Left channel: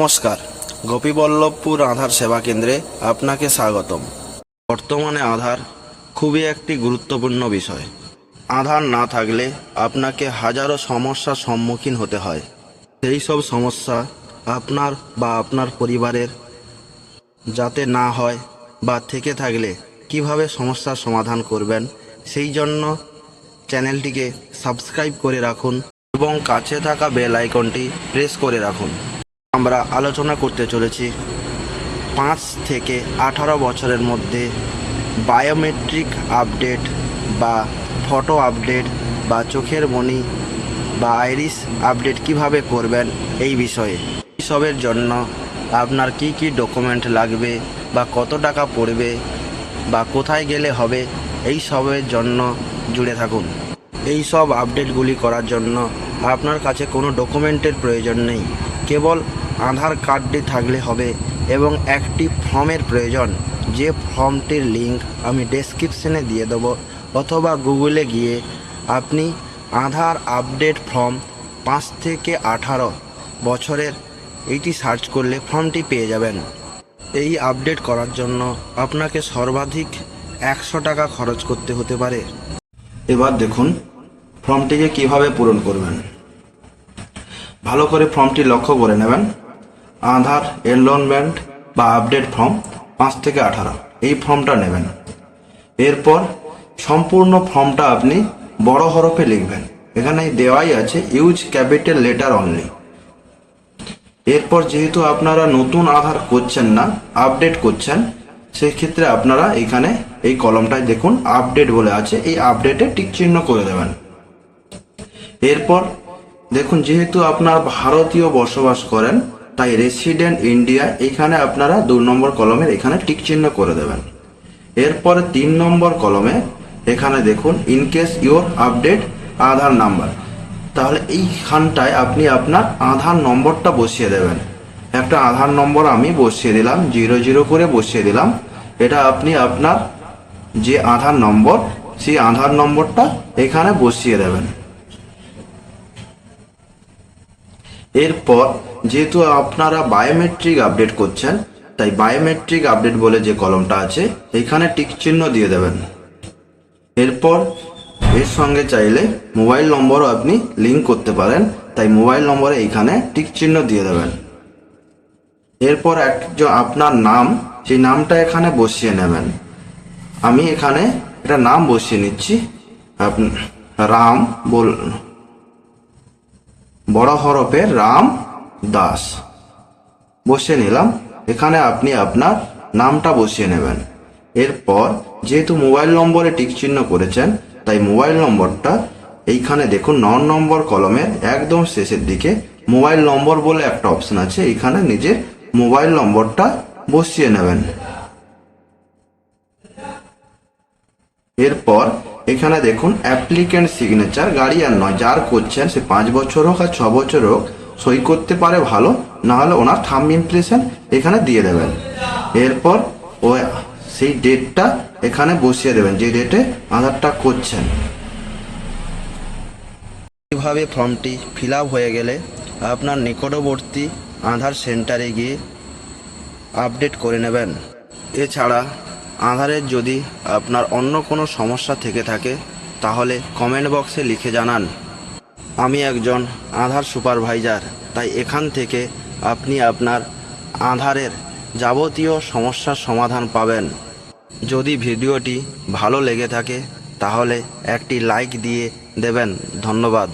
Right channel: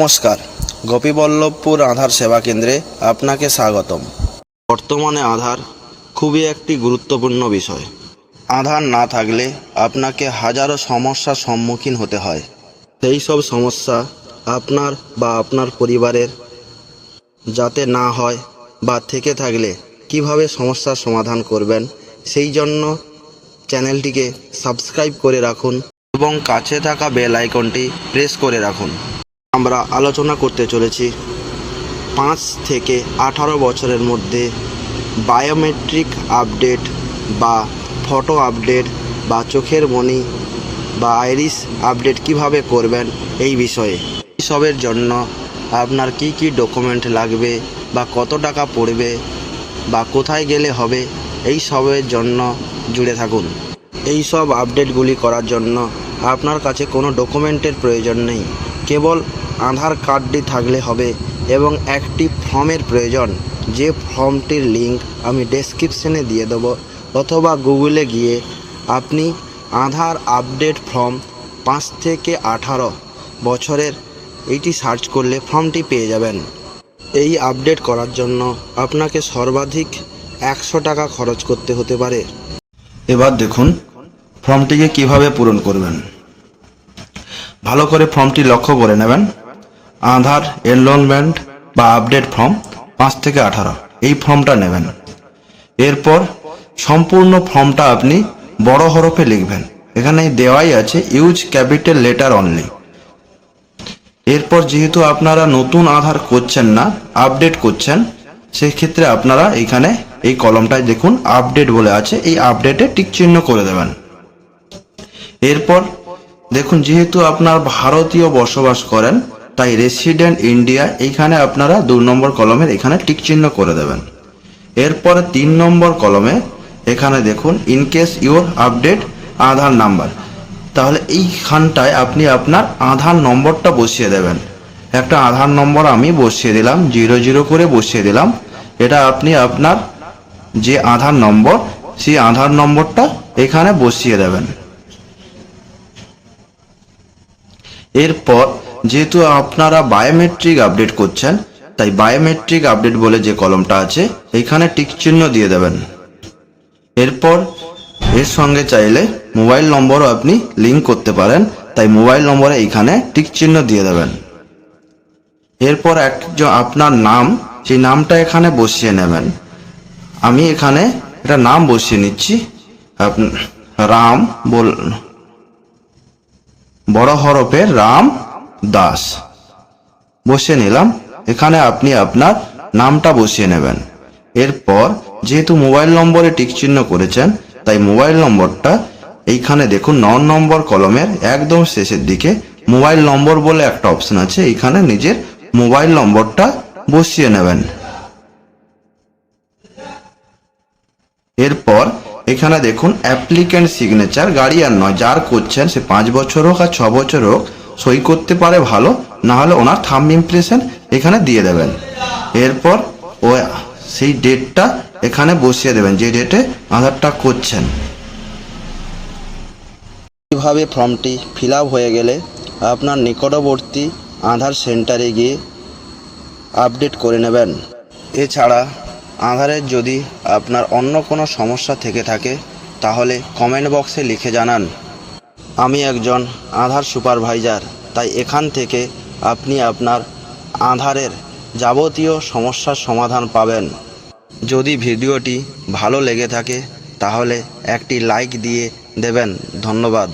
নমস্কার, গোপীবল্লভপুর আধার সেবা কেন্দ্রে আপনাকে স্বাগতম। বর্তমানে আধার খুবই একটি গুরুত্বপূর্ণ বিষয়। আধার না থাকলে আপনাকে হাজারো সমস্যার সম্মুখীন হতে হয়। সেই সব সমস্যা আপনার বা আপনার পরিবারের যাতে না হয় বা থেকে থাকলে কিভাবে সমস্যার সমাধান করবেন, সেই জন্য চ্যানেলটিকে সাবস্ক্রাইব করে রাখুন এবং কাছে থাকা বেল আইকনটি প্রেস করে রাখুন। আমরা আলোচনা করতে চলেছি 5 থেকে 18 বছরের মধ্যে বায়োমেট্রিক আপডেট বা ফটো আপডেট বা চোখের মনি বা আইরিস আপডেট কিভাবে করবেন এই বিষয়ে। এইসবের জন্য আপনার কি কি ডকুমেন্ট লাগবে বা কত টাকা পড়বে বা কোথায় গেলে হবে, এই সবের জন্য জুড়ে থাকুন। এই সব আপডেটগুলি করার জন্য আপনার কাছে কোনো ডকুমেন্টের প্রয়োজন নেই, কেবল আধার কার্ডটি থাকলে হবে এবং একটি ফর্মের প্রয়োজন। যে ফর্মটির লিঙ্ক আমি ডেসক্রিপশনে দিয়ে দেবো, অথবা গুগলে গিয়ে আপনি আধার আপডেট ফর্ম 5 থেকে 18 বছরের এইটি সার্চ করলে ফর্মটি পেয়ে যাবেন। এই আপডেট করার জন্য আপনাকে সর্বাধিক 100 টাকা খরচ করতে হতে পারে। এবার দেখুন ফর্মটিকে কিভাবে পূরণ করবেন। ভালো করে ফর্মটি লক্ষ্য করে নেবেন। আধার এনরোলমেন্ট বা আপডেট ফর্ম 5 থেকে 18 এই ফর্মটা নেবেন। এরপর সম্পূর্ণ ফর্মটা আপনি বড় হরফে লিখবেন। এখানে দেওয়াই আছে ইউজ ক্যাপিটাল লেটার অনলি। এরপর যেহেতু আপনারা নতুন আধার করছেন না, আপডেট করছেন, সেই ক্ষেত্রে আপনারা এখানে এই কলমটায় দেখুন আপডেট বলে আছে, এই আপডেটে টিক চিহ্ন করে দেবেন। এরপর দেখুন যেহেতু আপনার ভারতীয় বসবাস করেন, তাই রেসিডেন্ট ইন্ডিয়া এখানে আপনারা 2 নম্বর কলমের এখানে টিক চিহ্ন করে দেবেন। এরপরে 3 নম্বর কলমে এখানে দেখুন ইনকেস ইউর আপডেট আধার নাম্বার, তাহলে এইখানটায় আপনি আপনার আধার নম্বরটা বসিয়ে দেবেন। একটা আধার নম্বর আমি বসিয়ে দিলাম, 00 করে বসিয়ে দিলাম। এটা আপনি আপনার যে আধার নম্বর, সেই আধার নম্বরটা এখানে বসিয়ে দেবেন। এরপর যেহেতু আপনারা বায়োমেট্রিক আপডেট করছেন, তাই বায়োমেট্রিক আপডেট বলে যে কলমটা আছে এখানে টিক চিহ্ন দিয়ে দেবেন। এরপর এর সঙ্গে চাইলে মোবাইল নম্বরও আপনি লিঙ্ক করতে পারেন, তাই মোবাইল নম্বরে এখানে টিক চিহ্ন দিয়ে দেবেন। এরপর আপনার নাম, সেই নামটা এখানে বসিয়ে নেবেন। আমি এখানে একটা নাম বসিয়ে নিচ্ছি, রাম বড় হরফে রাম দাস বসিয়ে নিলাম। এখানে আপনি আপনার নামটা বসিয়ে নেবেন। এরপর যেহেতু মোবাইল নম্বরে টিক চিহ্ন করেছেন, তাই মোবাইল নম্বরটা এইখানে দেখুন 9 নম্বর কলমের একদম শেষের দিকে মোবাইল নম্বর বলে একটা অপশন আছে, এইখানে নিজের মোবাইল নম্বরটা বসিয়ে নেবেন। এরপর এখানে দেখুন অ্যাপ্লিক্যান্ট সিগনেচার, গার্ডিয়ান নয়, যার করছেন সে 5 বছর হোক আর 6 বছর হোক, সই করতে পারে ভালো, না হলে ওনার থাম্ব ইমপ্রেশন এখানে দিয়ে দেবেন। এরপর ও সেই ডেটটা এখানে বসিয়ে দেবেন, যে ডেটে আধারটা করছেন। এইভাবে ফর্মটি ফিল আপ হয়ে গেলে আপনার নিকটবর্তী আধার সেন্টারে গিয়ে আপডেট করে নেবেন। এছাড়া আধারের যদি আপনার অন্য কোনো সমস্যা থেকে থাকে, তাহলে কমেন্ট বক্সে লিখে জানান। আমি একজন আধার সুপারভাইজার, তাই এখান থেকে আপনি আপনার আধারের যাবতীয় সমস্যার সমাধান পাবেন। যদি ভিডিওটি ভালো লেগে থাকে তাহলে একটি লাইক দিয়ে দেবেন। ধন্যবাদ।